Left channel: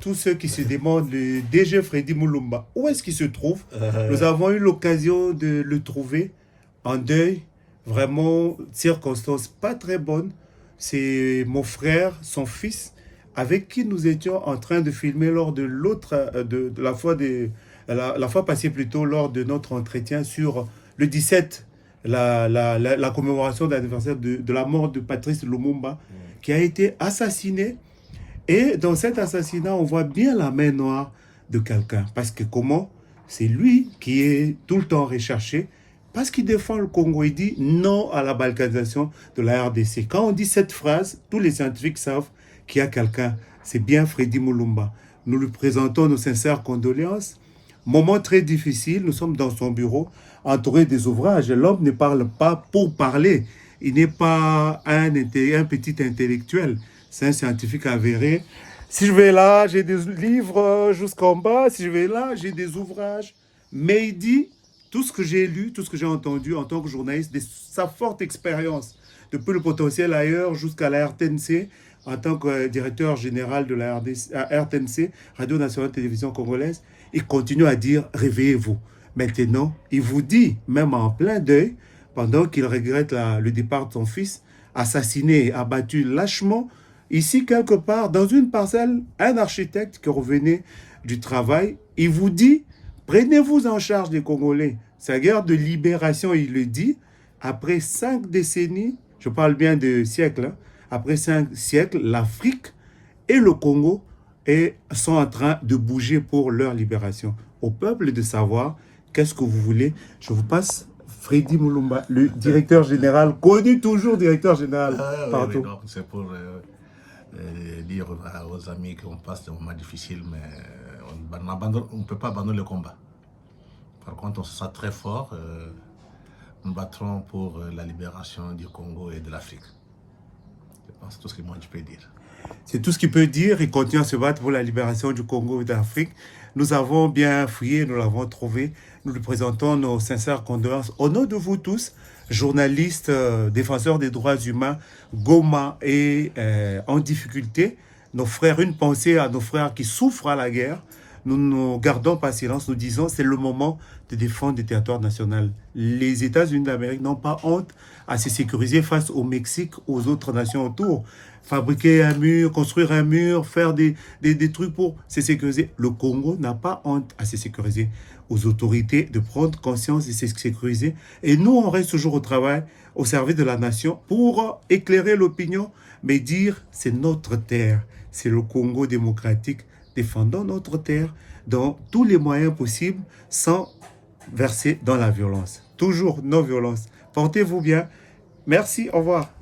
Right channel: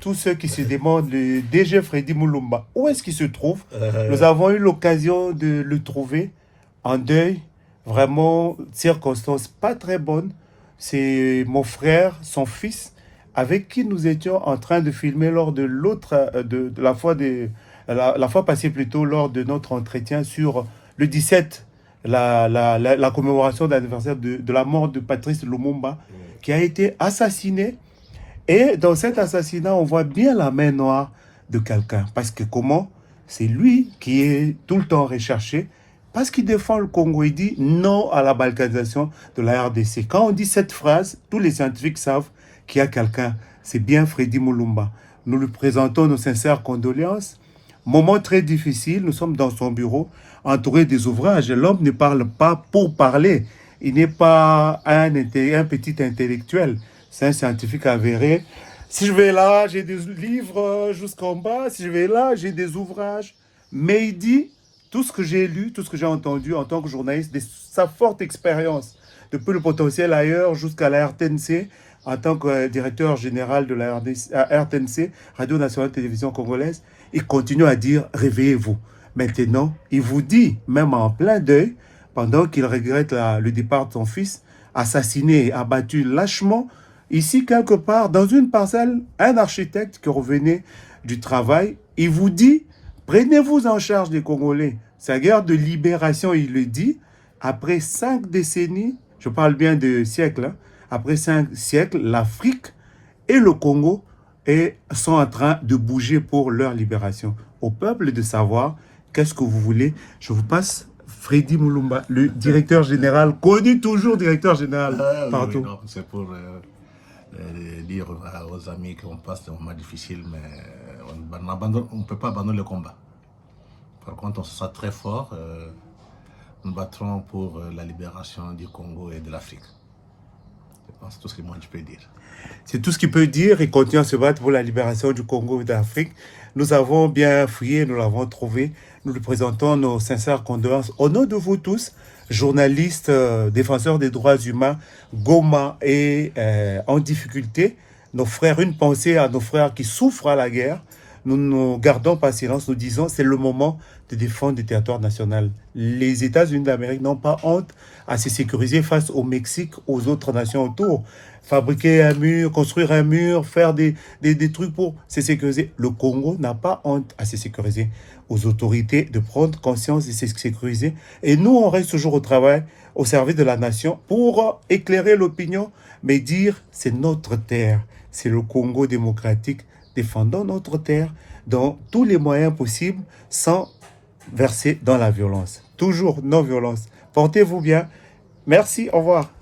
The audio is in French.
Tous ceux qui se demandent, le DG Freddy Moulumba, où est-ce qu'il se trouve? Nous avons eu l'occasion de le trouver en deuil, vraiment, circonstances pas très bonnes. C'est mon frère, son fils, avec qui nous étions en train de filmer lors de l'autre, de la fois la fois passée plutôt, lors de notre entretien sur le 17, la commémoration d'anniversaire de la mort de Patrice Lumumba, qui a été assassiné. Et dans cet assassinat, on voit bien la main noire de quelqu'un. Parce que comment? C'est lui qui est tout le temps recherché. Parce qu'il défend le Congo. Il dit non à la balkanisation de la RDC. Quand on dit cette phrase, tous les scientifiques savent qu'il y a quelqu'un. C'est bien Freddy Moulumba. Nous lui présentons nos sincères condoléances. Moment très difficile. Nous sommes dans son bureau, entouré des ouvrages. L'homme ne parle pas pour parler. Il n'est pas un petit intellectuel. C'est un scientifique avéré. Si je vais là, j'ai des livres jusqu'en bas. Si je vais là, j'ai des ouvrages. Mais il dit, tout ce que j'ai lu, tout ce que j'ai entendu en tant que journaliste, de sa forte expérience, depuis le potentiel ailleurs jusqu'à la RTNC, en tant que directeur général de la RTNC, Radio Nationale Télévision Congolaise, il continue à dire, réveillez-vous. Maintenant, il vous dit, même en plein deuil, pendant qu'il regrette le départ de son fils, assassiné, abattu lâchement, ici, quelque part, dans une parcelle, un architecte qui revenait du travail, il vous dit, prenez-vous en charge des Congolais. Sa guerre de libération, il le dit, après 5 décennies, je parle bien de siècles, hein, après 5 siècles, l'Afrique et le Congo sont en train de bouger pour leur libération. Au peuple de savoir, qu'est-ce que vous voulez? Je vous passe Freddy Moulumba, le directeur général, connu toujours directeur général. Oui, donc c'est pour... dire aux amis qu'on passe des moments difficiles, mais on ne peut pas abandonner le combat. Par contre, on se sent très fort. Nous battrons pour la libération du Congo et de l'Afrique. Je pense que c'est tout ce que moi je peux dire. C'est tout ce qu'il peut dire. Il continue à se battre pour la libération du Congo et de l'Afrique. Nous avons bien fouillé, nous l'avons trouvé. Nous lui présentons nos sincères condoléances. Au nom de vous tous, journalistes, défenseurs des droits humains, Goma et en difficulté, nos frères, une pensée à nos frères qui souffrent à la guerre. Nous nous gardons pas silence, nous disons c'est le moment de défendre le territoire national. Les États-Unis d'Amérique n'ont pas honte à se sécuriser face au Mexique, aux autres nations autour. Fabriquer un mur, construire un mur, faire des trucs pour se sécuriser. Le Congo n'a pas honte à se sécuriser. Aux autorités de prendre conscience de se sécuriser. Et nous, on reste toujours au travail, au service de la nation, pour éclairer l'opinion, mais dire c'est notre terre, c'est le Congo démocratique. Défendons notre terre dans tous les moyens possibles sans verser dans la violence. Toujours non-violence. Portez-vous bien. Merci, au revoir.